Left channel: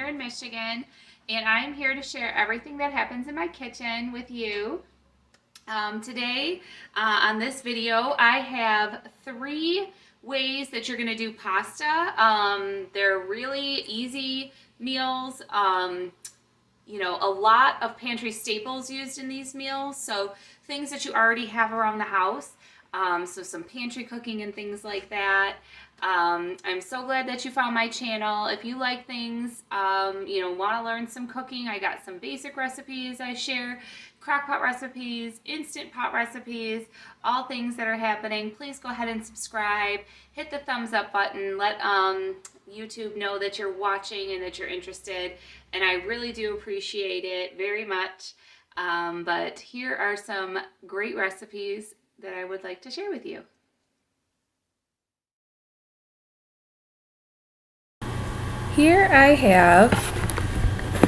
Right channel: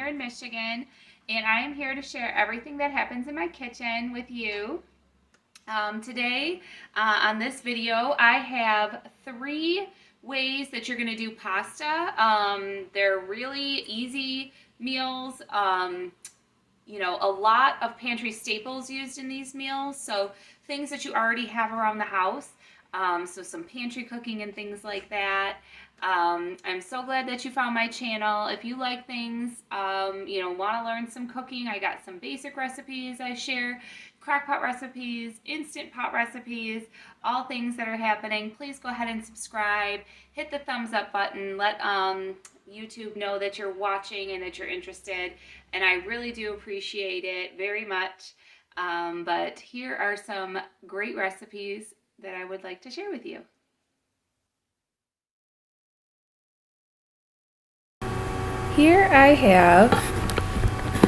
here in Michigan, and I am here to share everything that happens in my kitchen with you. Today, on this video, I have 3 ways that you're going to do pasta. They're really easy meals. A lot of pantry staples used in these meals, so things that you already have around the house. So some pantry cooking and things like that. I'm so glad that you found my channel. If you like things, want to learn some cooking, I got some basic recipes I share, crock pot recipes, instant pot recipes, all things that are happening. Please go ahead and subscribe, hit the thumbs up button, let YouTube know that you're watching and that you're interested, and I really do appreciate it very much. But here are some great recipes that I would like to share with you. Here I have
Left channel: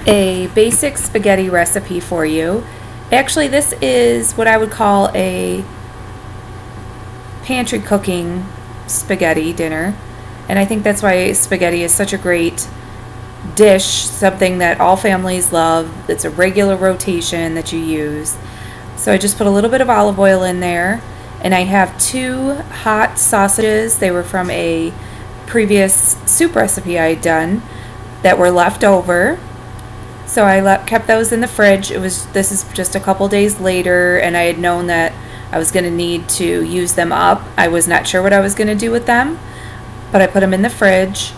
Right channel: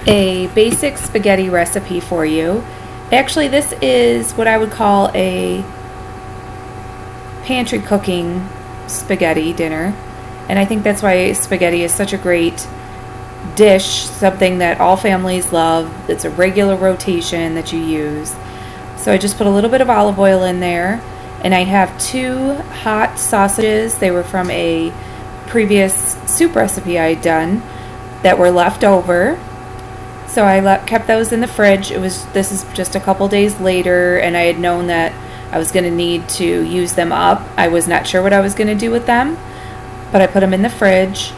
a basic spaghetti recipe for you. Actually, this is what I would call a pantry cooking spaghetti dinner, and I think that's why spaghetti is such a great dish, something that all families love. It's a regular rotation that you use. So I just put a little bit of olive oil in there, and I have 2 hot sausages. They were from a previous soup recipe I had done that were left over. So I kept those in the fridge. This is just a couple days later, and I had known that I was going to need to use them up. I was not sure what I was going to do with them, but I put them in the fridge.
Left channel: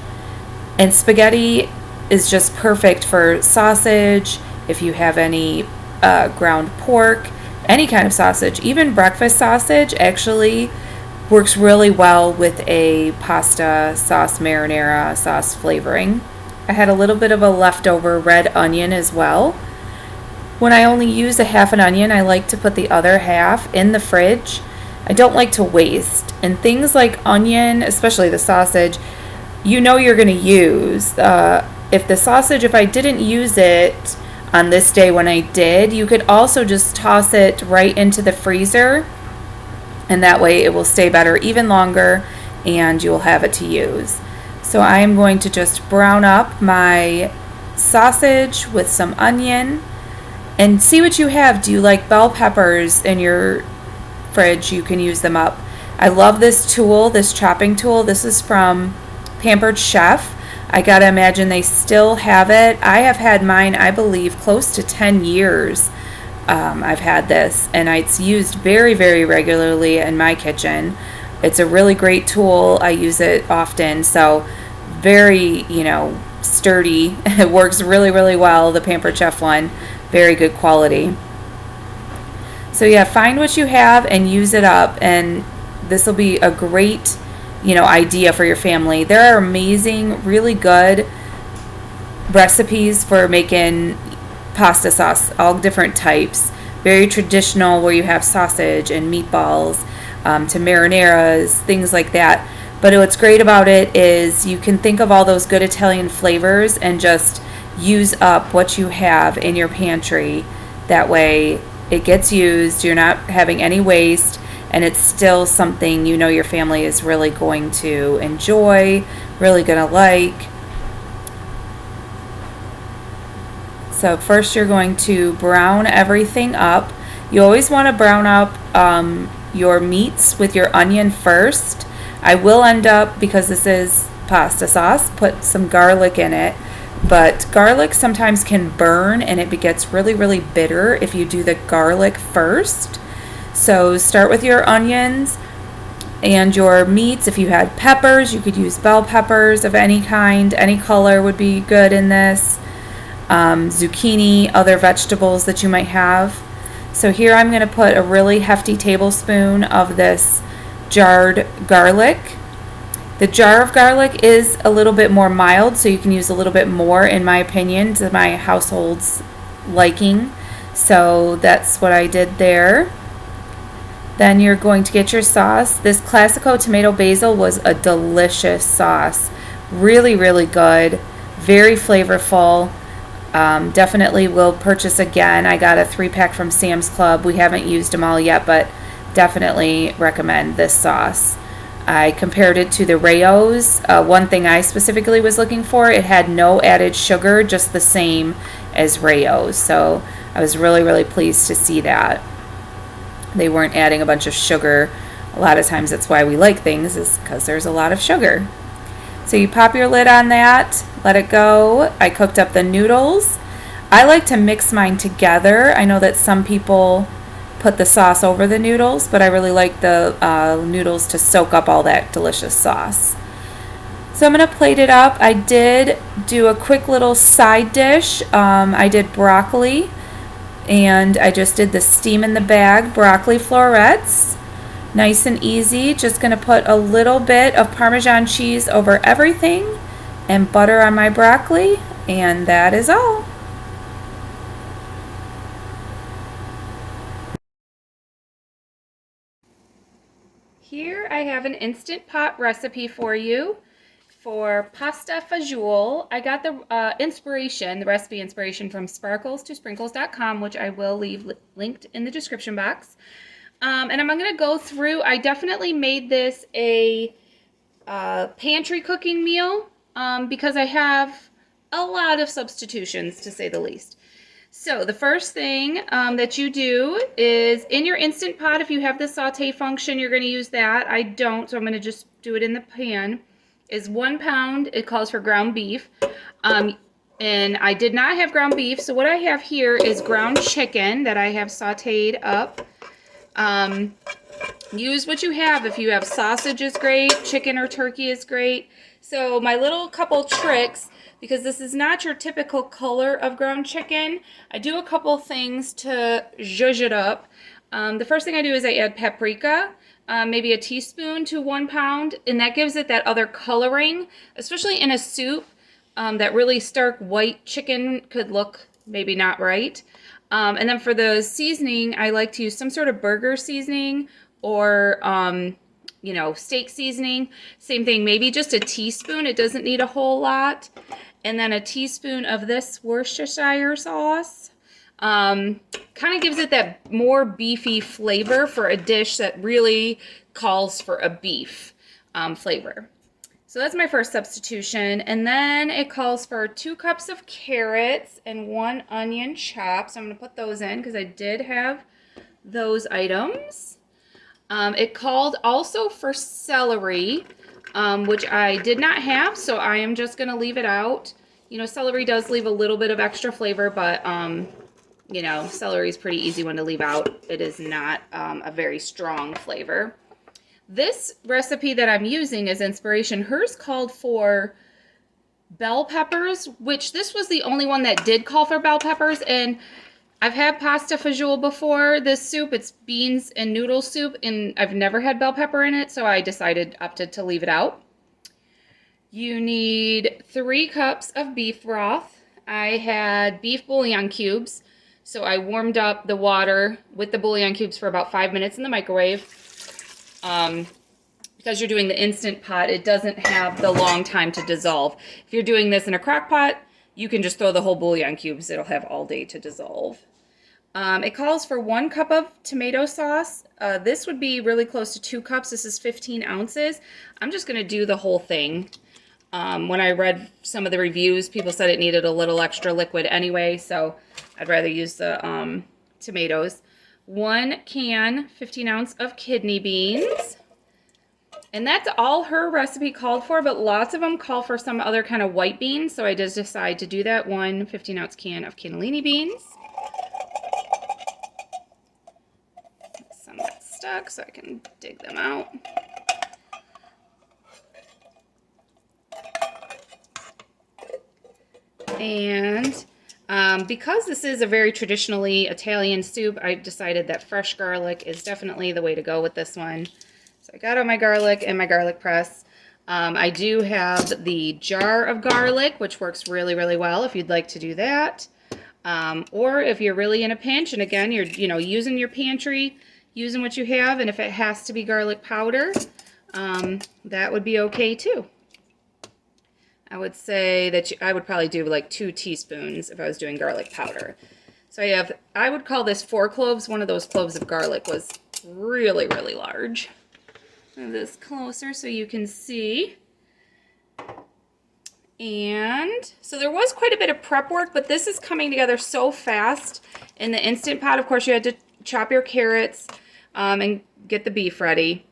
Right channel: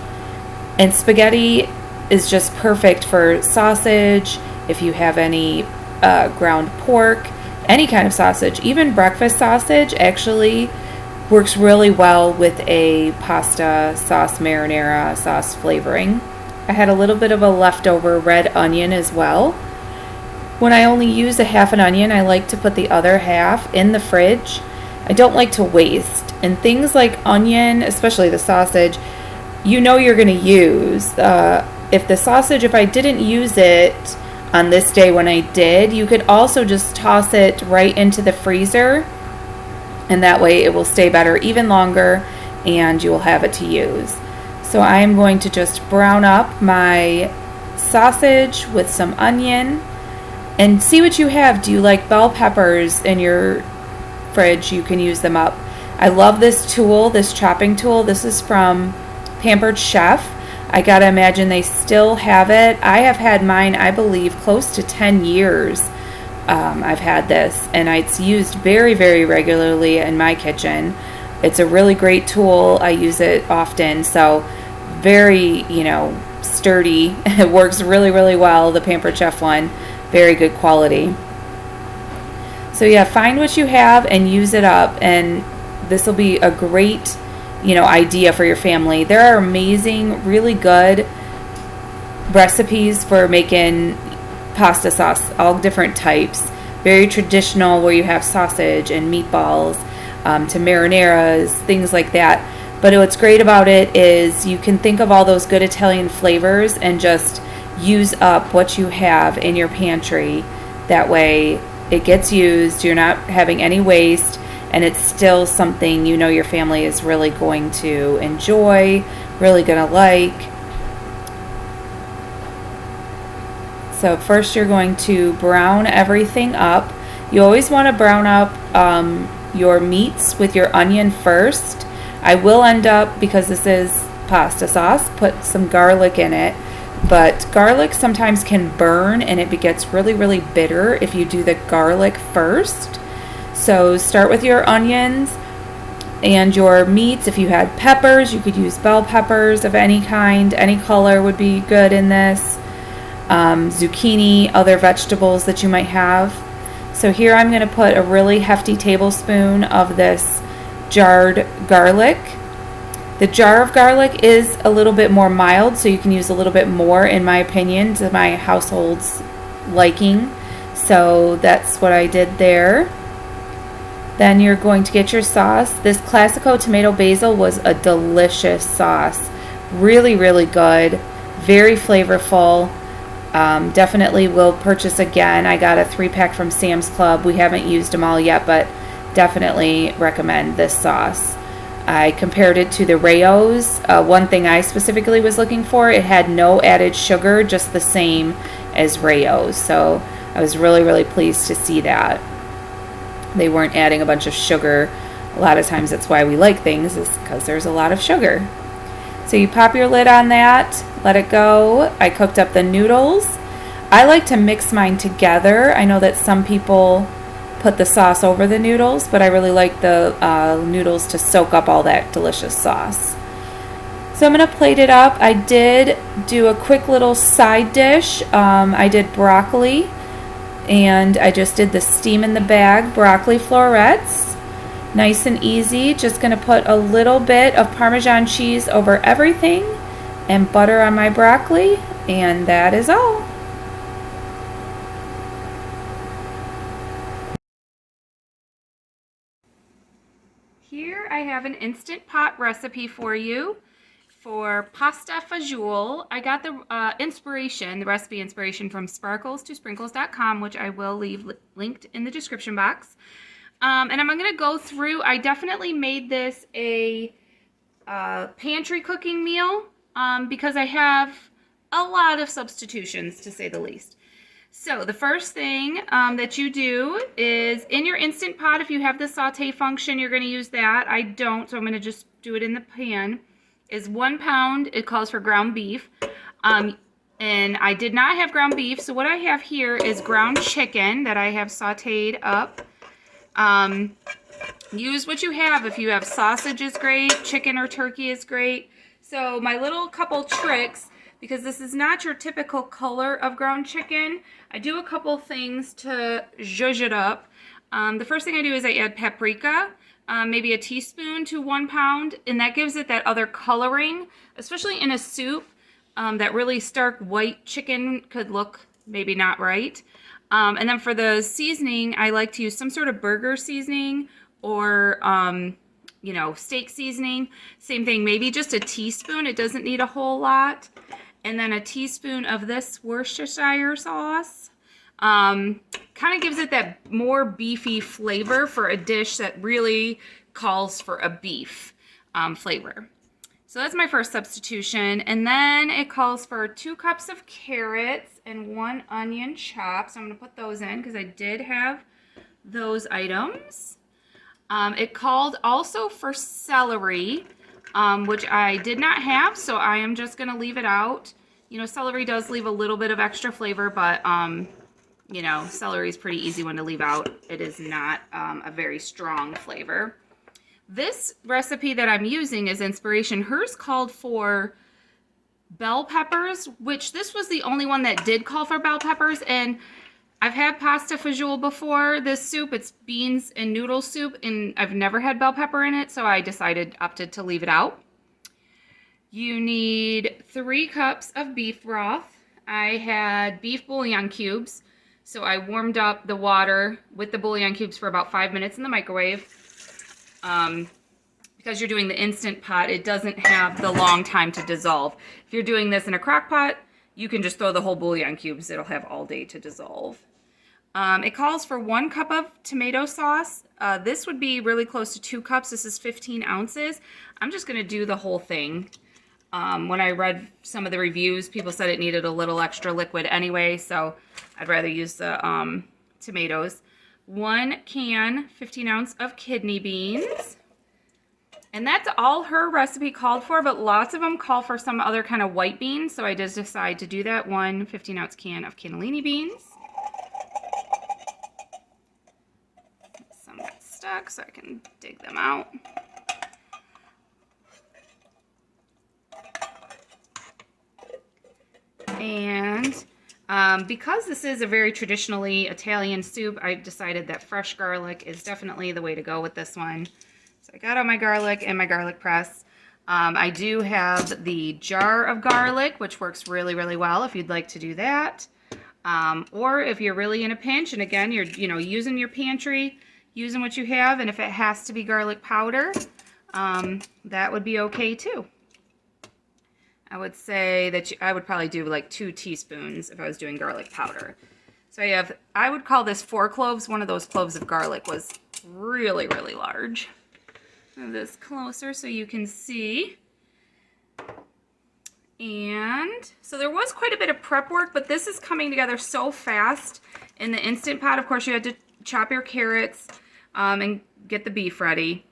And spaghetti is just perfect for sausage, if you have any ground pork, any kind of sausage. Even breakfast sausage actually works really well with a pasta sauce marinara sauce flavoring. I had a little bit of a leftover red onion as well. When I only use a half an onion, I like to put the other half in the fridge. I don't like to waste. And things like onion, especially the sausage, you're going to use. If I didn't use it on this day when I did, you could also just toss it right into the freezer, and that way it will stay better even longer and you will have it to use. So I am going to just brown up my sausage with some onion and see what you have. Do you like bell peppers in your fridge? You can use them up. I love this tool, this chopping tool. This is from Pampered Chef. I gotta imagine they still have it. I have had mine, I believe, close to 10 years. I've had this, and it's used very, very regularly in my kitchen. It's a really great tool. I use it often, so very, sturdy. It works really, really well, the Pampered Chef one. Very good quality. So yeah, find what you have and use it up, and this will be a great idea for your family. There are amazing, really good recipes for making pasta sauce, all different types. Very traditional, where you have sausage and meatballs, to marinaras, things like that. But what's great about it is you can think of all those good Italian flavors and just use up what you have in your pantry. That way it gets used, you're not having any waste, and it's still something your family is really going to enjoy, really going to like. So first you're going to brown everything up. You always want to brown up your meats with your onion first. I will end up, because this is pasta sauce, put some garlic in it. But garlic sometimes can burn, and it gets really, really bitter if you do the garlic first. So start with your onions and your meats. If you had peppers, you could use bell peppers of any kind. Any color would be good in this. Zucchini, other vegetables that you might have. So here I'm going to put a really hefty tablespoon of this jarred garlic. The jar of garlic is a little bit more mild, so you can use a little bit more, in my opinion, to my household's liking. So that's what I did there. Then you're going to get your sauce. This Classico tomato basil was a delicious sauce. Really, really good. Very flavorful. Definitely will purchase again. I got a 3-pack from Sam's Club. We haven't used them all yet, but definitely recommend this sauce. I compared it to the Rayo's. One thing I specifically was looking for, it had no added sugar, just the same as Rayo's. So I was really, really pleased to see that. They weren't adding a bunch of sugar. A lot of times that's why we like things, is because there's a lot of sugar. So you pop your lid on that, let it go. I cooked up the noodles. I like to mix mine together. I know that some people put the sauce over the noodles, but I really like the noodles to soak up all that delicious sauce. So I'm going to plate it up. I did do a quick little side dish. I did broccoli, and I just did the steam in the bag broccoli florets. Nice and easy. Just going to put a little bit of Parmesan cheese over everything and butter on my broccoli, and that is all. Here I have an Instant Pot recipe for you for pasta fagioli. I got the recipe inspiration from sparklestosprinkles.com, which I will leave linked in the description box. And I'm going to go through, I definitely made this a pantry cooking meal because I have a lot of substitutions, to say the least. So the first thing that you do is in your Instant Pot, if you have the saute function, you're going to use that. I don't, so I'm going to just do it in the pan, is 1 pound. It calls for ground beef. And I did not have ground beef, so what I have here is ground chicken that I have sauteed up. Use what you have. If you have sausage is great, chicken or turkey is great. So my little couple tricks, because this is not your typical color of ground chicken, I do a couple things to zhuzh it up. The first thing I do is I add paprika, maybe a teaspoon to 1 pound, and that gives it that other coloring, especially in a soup. That really stark white chicken could look maybe not right. And then for the seasoning, I like to use some sort of burger seasoning or, steak seasoning. Same thing, maybe just a teaspoon. It doesn't need a whole lot. And then a teaspoon of this Worcestershire sauce. Kind of gives it that more beefy flavor for a dish that really calls for a beef flavor. So that's my first substitution. And then it calls for 2 cups of carrots and 1 onion chopped. So I'm going to put those in because I did have those items. It called also for celery, which I did not have, so I am just going to leave it out. You know, celery does leave a little bit of extra flavor, but, celery is pretty easy one to leave out. It is not a very strong flavor. This recipe that I'm using as inspiration, hers called for bell peppers, which this was the only one that did call for bell peppers. And I've had pasta fagioli before. This soup, it's beans and noodle soup, and I've never had bell pepper in it, so I opted to leave it out. You need 3 cups of beef broth. I had beef bouillon cubes, so I warmed up the water with the bouillon cubes for about 5 minutes in the microwave. Because you're doing the Instant Pot, it doesn't have the long time to dissolve. If you're doing this in a crock pot, you can just throw the whole bouillon cubes. It'll have all day to dissolve. It calls for 1 cup of tomato sauce. This would be really close to 2 cups. This is 15 ounces. I'm just going to do the whole thing. When I read some of the reviews, people said it needed a little extra liquid anyway, so I'd rather use the tomatoes. 1 can, 15 ounce of kidney beans. And that's all her recipe called for, but lots of them call for some other kind of white beans, so I just decided to do that. 1 15-ounce can of cannellini beans. Some got stuck, so I can dig them out. And because this is a very traditionally Italian soup, I've decided that fresh garlic is definitely the way to go with this one. So I got all my garlic and my garlic press. I do have the jar of garlic, which works really, really well if you'd like to do that. Or if you're really in a pinch, and again, you're using your pantry, using what you have, and if it has to be garlic powder, that would be okay too. I would say that I would probably do like 2 teaspoons if I was doing garlic powder. So I would call this 4 cloves. One of those cloves of garlic was really, really large. Move this closer so you can see. And so there was quite a bit of prep work, but this is coming together so fast in the Instant Pot. Of course, you had to chop your carrots and get the beef ready.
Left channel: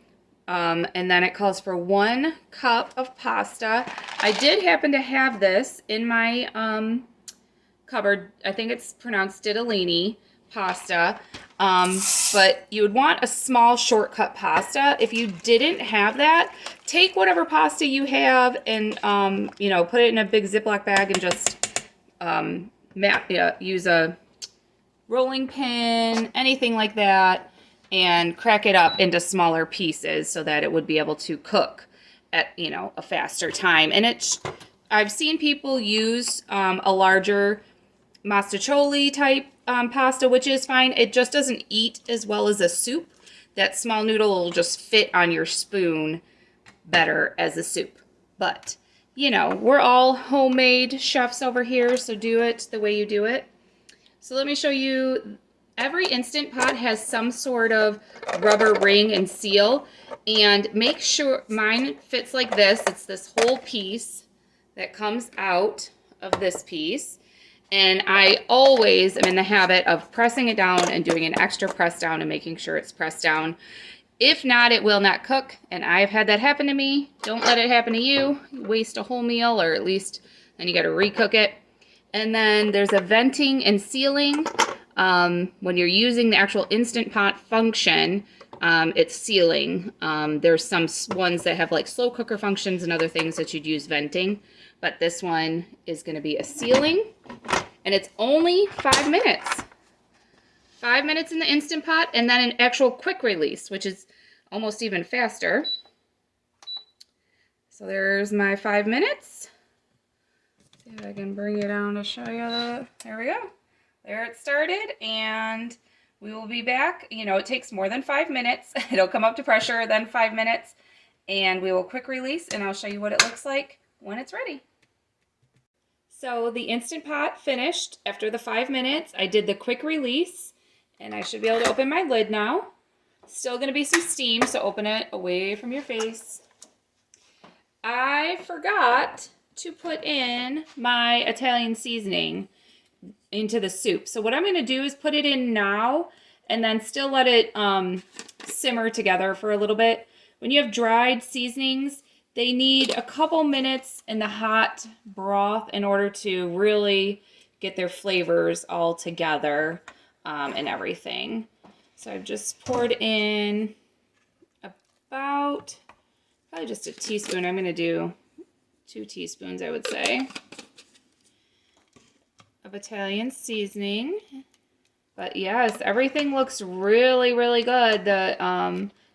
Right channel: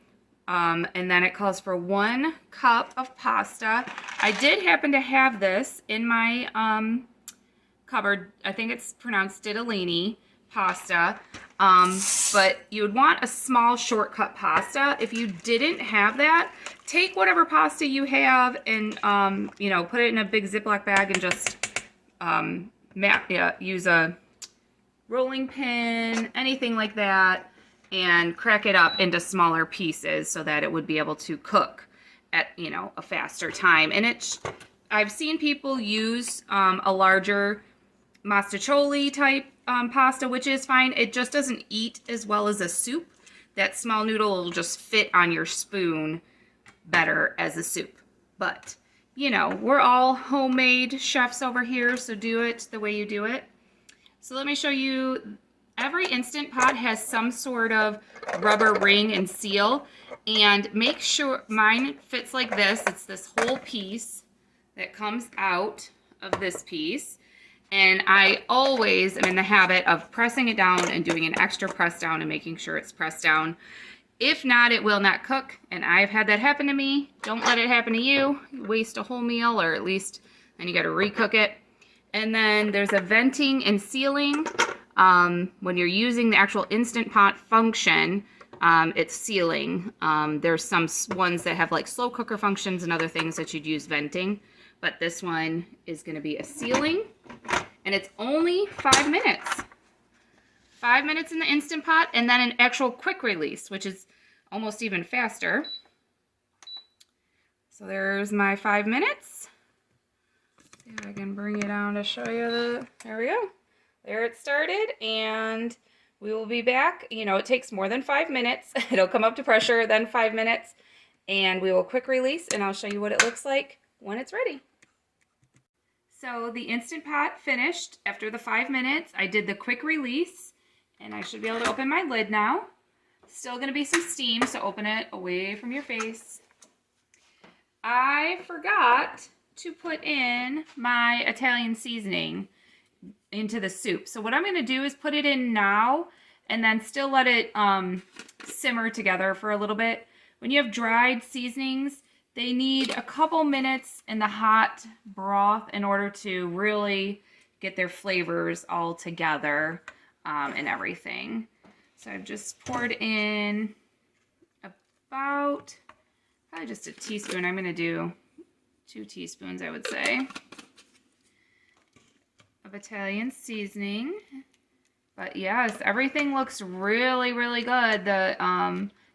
And then it calls for 1 cup of pasta. I did happen to have this in my cupboard. I think it's pronounced ditalini pasta. But you would want a small shortcut pasta. If you didn't have that, take whatever pasta you have and, you know, put it in a big Ziploc bag and just use a rolling pin, anything like that, and crack it up into smaller pieces so that it would be able to cook at, you know, a faster time. And I've seen people use a larger mastacholi type pasta, which is fine. It just doesn't eat as well as a soup. That small noodle will just fit on your spoon better as a soup. But, you know, we're all homemade chefs over here, so do it the way you do it. So let me show you. Every Instant Pot has some sort of rubber ring and seal, and make sure mine fits like this. It's this whole piece that comes out of this piece. And I always am in the habit of pressing it down and doing an extra press down and making sure it's pressed down. If not, it will not cook. And I've had that happen to me. Don't let it happen to you. Waste a whole meal, or at least then you got to recook it. And then there's a venting and sealing. When you're using the actual Instant Pot function, it's sealing. There's some ones that have like slow cooker functions and other things that you'd use venting. But this one is going to be a sealing. And it's only 5 minutes. 5 minutes in the Instant Pot, and then an actual quick release, which is almost even faster. So there's my 5 minutes. See if I can bring you down to show you there we go. There it started, and we will be back. You know, it takes more than 5 minutes. It'll come up to pressure, then 5 minutes, and we will quick release, and I'll show you what it looks like when it's ready. So the Instant Pot finished after the 5 minutes. I did the quick release, and I should be able to open my lid now. Still going to be some steam, so open it away from your face. I forgot to put in my Italian seasoning into the soup. So what I'm going to do is put it in now and then still let it simmer together for a little bit. When you have dried seasonings, they need a couple minutes in the hot broth in order to really get their flavors all together and everything. So I've just poured in about probably just a teaspoon. I'm going to do 2 teaspoons, I would say, of Italian seasoning. But yes, everything looks really, really good.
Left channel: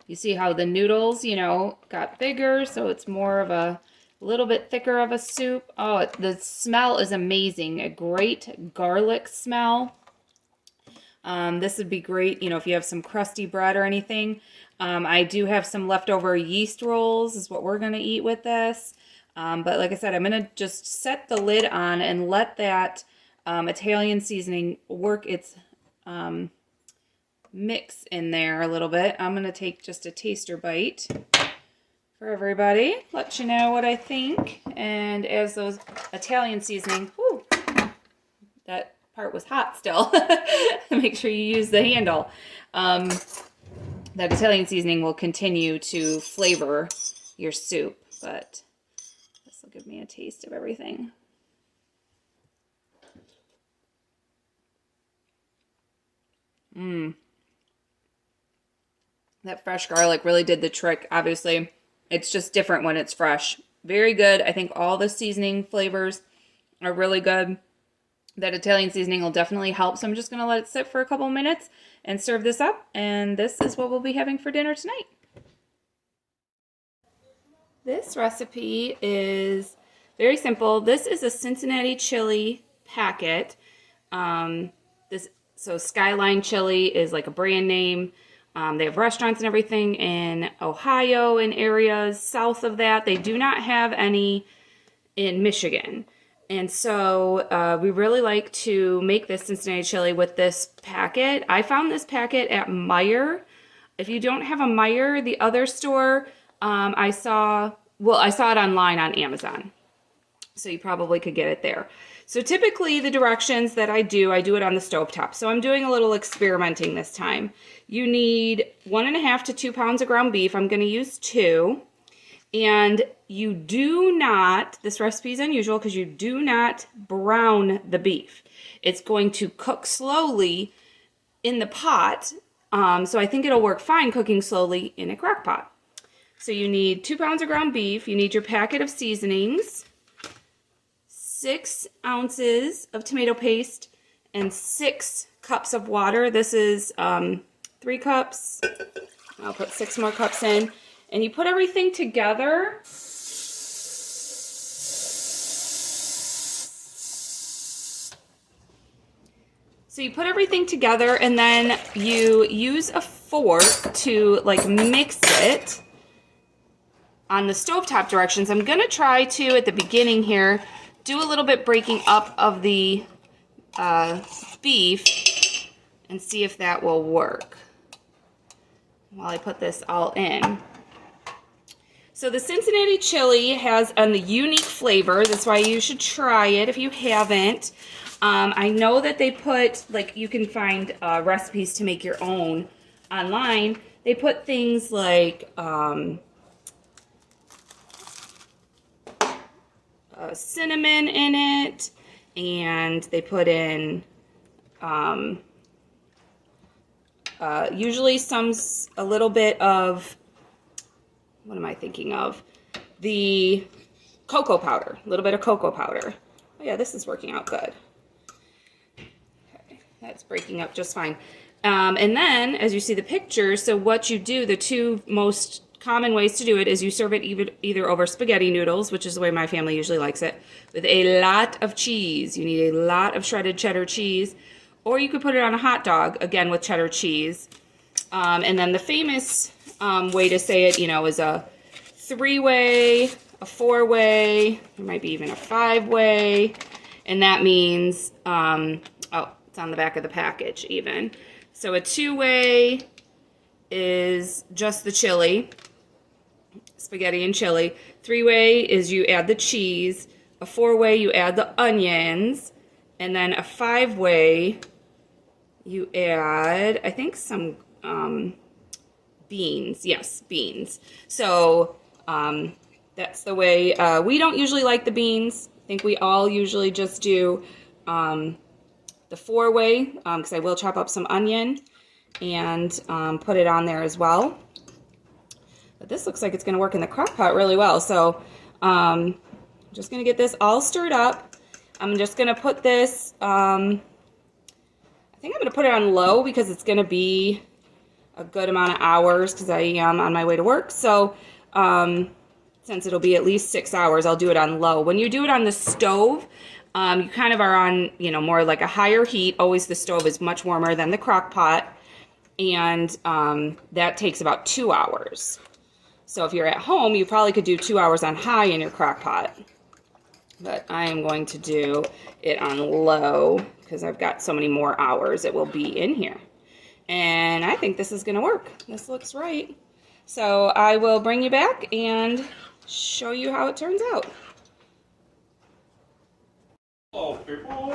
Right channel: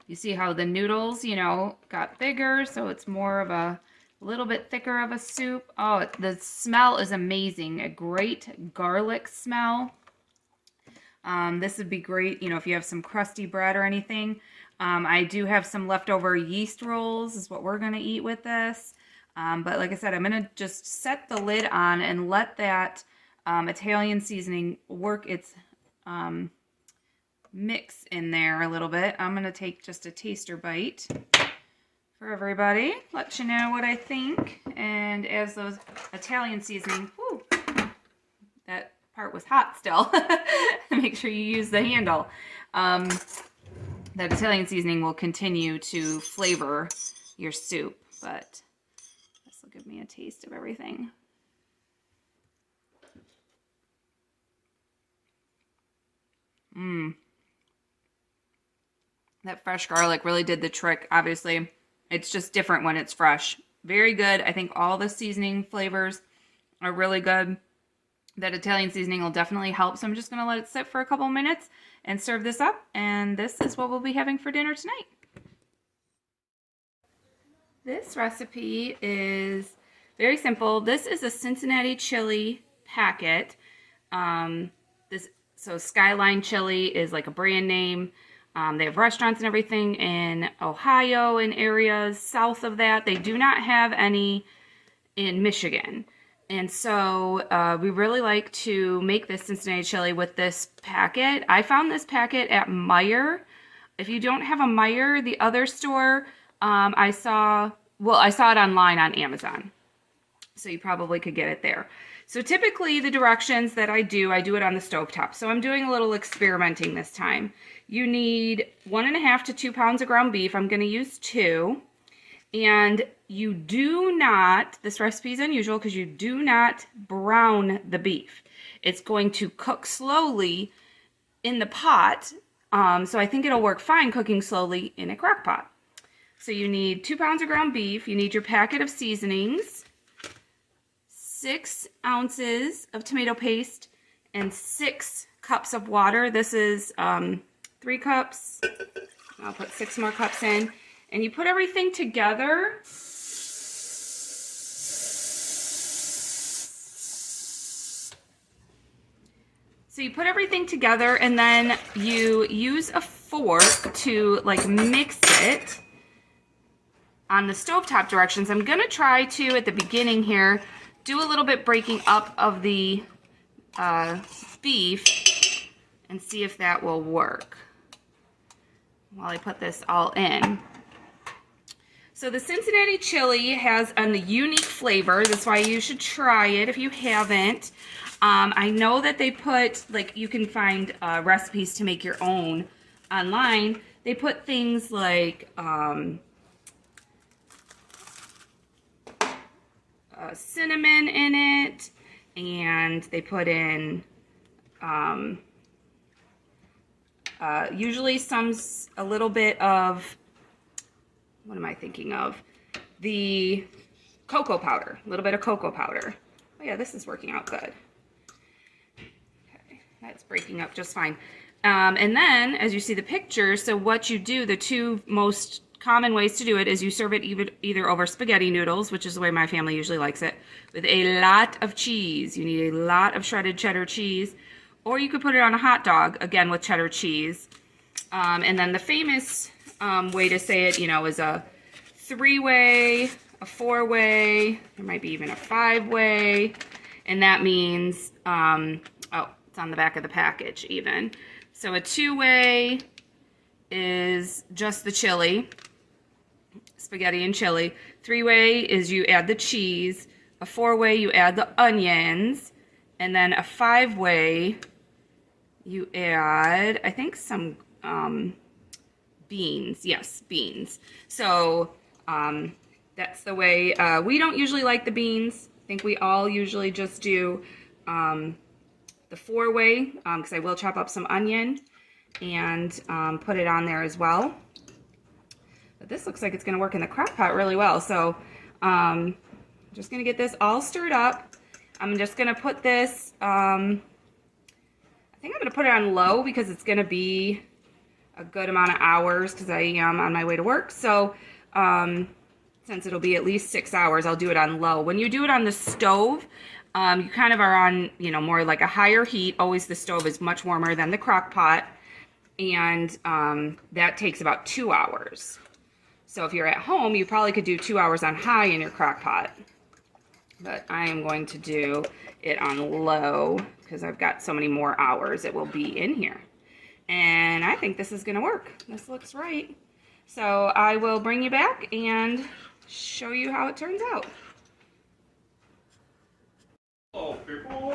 You see how the noodles, you know, got bigger, so it's more of a little bit thicker of a soup. Oh, the smell is amazing. A great garlic smell. This would be great, you know, if you have some crusty bread or anything. I do have some leftover yeast rolls is what we're going to eat with this. But like I said, I'm going to just set the lid on and let that Italian seasoning work its mix in there a little bit. I'm going to take just a taster bite for everybody, let you know what I think. And as those Italian seasoning, whew, that part was hot still. Make sure you use the handle. That Italian seasoning will continue to flavor your soup, but this will give me a taste of everything. That fresh garlic really did the trick. Obviously, it's just different when it's fresh. Very good. I think all the seasoning flavors are really good. That Italian seasoning will definitely help. So I'm just going to let it sit for a couple minutes and serve this up. And this is what we'll be having for dinner tonight. This recipe is very simple. This is a Cincinnati chili packet. So Skyline Chili is like a brand name. They have restaurants and everything in Ohio and areas south of that. They do not have any in Michigan. And so we really like to make this Cincinnati chili with this packet. I found this packet at Meijer. If you don't have a Meijer, the other store, I saw it online on Amazon. So you probably could get it there. So typically the directions that I do it on the stovetop. So I'm doing a little experimenting this time. You need 1.5 to 2 pounds of ground beef. I'm going to use 2. And you do not, this recipe is unusual because you do not brown the beef. It's going to cook slowly in the pot. So I think it'll work fine cooking slowly in a crock pot. So you need 2 pounds of ground beef. You need your packet of seasonings, 6 ounces of tomato paste, and 6 cups of water. This is 3 cups. I'll put 6 more cups in. And you put everything together. So you put everything together and then you use a fork to like mix it on the stovetop directions. I'm going to try to, at the beginning here, do a little bit breaking up of the beef and see if that will work while I put this all in. So the Cincinnati chili has a unique flavor. That's why you should try it if you haven't. I know that they put, like, you can find recipes to make your own online. They put things like cinnamon in it, and they put in usually a little bit of, what am I thinking of? The cocoa powder, a little bit of cocoa powder. Oh yeah, this is working out good. Okay, that's breaking up just fine. And then, as you see the picture, so what you do, the 2 most common ways to do it is you serve it either over spaghetti noodles, which is the way my family usually likes it, with a lot of cheese. You need a lot of shredded cheddar cheese. Or you could put it on a hot dog, again with cheddar cheese. And then the famous way to say it, is a 3-way, a 4-way, there might be even a 5-way, and that means, it's on the back of the package even. So a 2-way is just the chili, spaghetti and chili. 3-way is you add the cheese. A 4-way you add the onions, and then a 5-way you add, I think, some beans. Yes, beans. So that's the way. We don't usually like the beans. I think we all usually just do the 4-way, because I will chop up some onion and put it on there as well. But this looks like it's going to work in the crock pot really well. So I'm just going to get this all stirred up. I'm just going to put this, I think I'm going to put it on low because it's going to be a good amount of hours because I am on my way to work. So since it'll be at least 6 hours, I'll do it on low. When you do it on the stove, you kind of are on, more like a higher heat. Always the stove is much warmer than the crock pot. And that takes about 2 hours. So if you're at home, you probably could do 2 hours on high in your crock pot. But I am going to do it on low because I've got so many more hours it will be in here. And I think this is going to work. This looks right. So I will bring you back and show you how it turns out. Hello, people.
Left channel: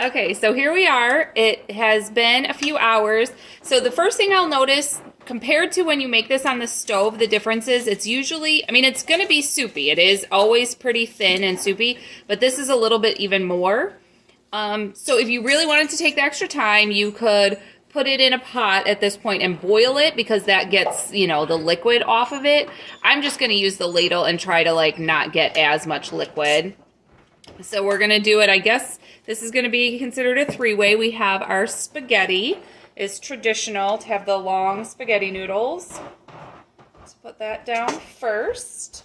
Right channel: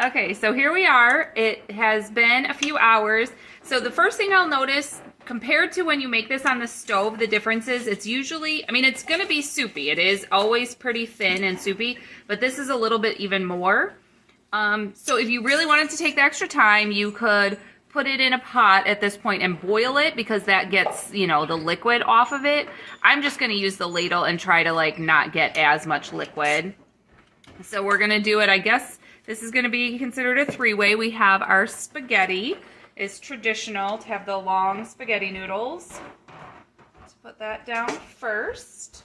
Okay, so here we are. It has been a few hours. So the first thing I'll notice, compared to when you make this on the stove, the difference is it's usually, it's going to be soupy. It is always pretty thin and soupy, but this is a little bit even more. So if you really wanted to take the extra time, you could put it in a pot at this point and boil it because that gets, the liquid off of it. I'm just going to use the ladle and try to not get as much liquid. So we're going to do it, I guess this is going to be considered a 3-way. We have our spaghetti. It's traditional to have the long spaghetti noodles. Let's put that down first.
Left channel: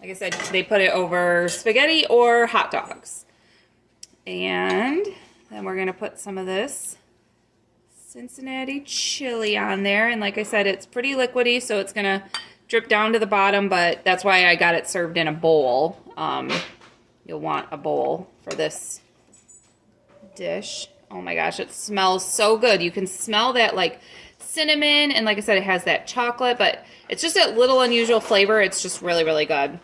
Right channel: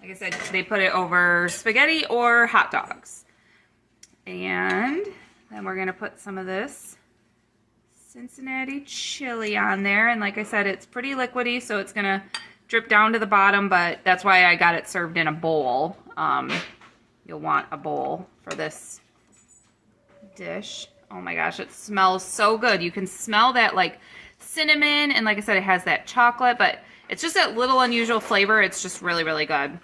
Like I said, they put it over spaghetti or hot dogs. And then we're going to put some of this Cincinnati chili on there. And like I said, it's pretty liquidy, so it's going to drip down to the bottom, but that's why I got it served in a bowl. you'll want a bowl for this dish. Oh my gosh, it smells so good. You can smell that like cinnamon, and like I said, it has that chocolate, but it's just a little unusual flavor. It's just really, really good.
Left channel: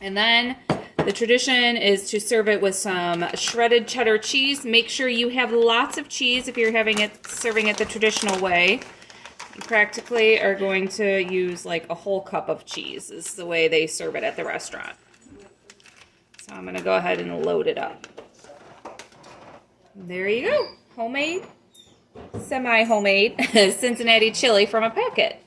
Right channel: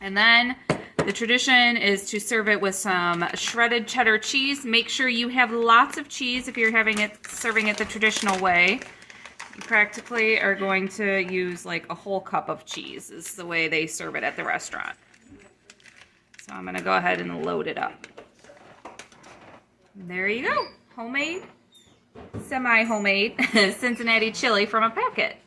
And then the tradition is to serve it with some shredded cheddar cheese. Make sure you have lots of cheese if you're serving it the traditional way. You practically are going to use like a whole cup of cheese. This is the way they serve it at the restaurant. So I'm going to go ahead and load it up. There you go. Homemade, semi-homemade Cincinnati chili from a packet.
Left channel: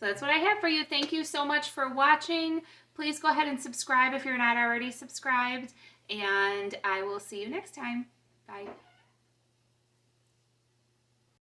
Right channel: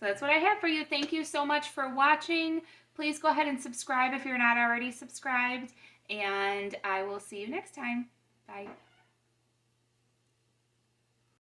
So that's what I have for you. Thank you so much for watching. Please go ahead and subscribe if you're not already subscribed. And I will see you next time. Bye.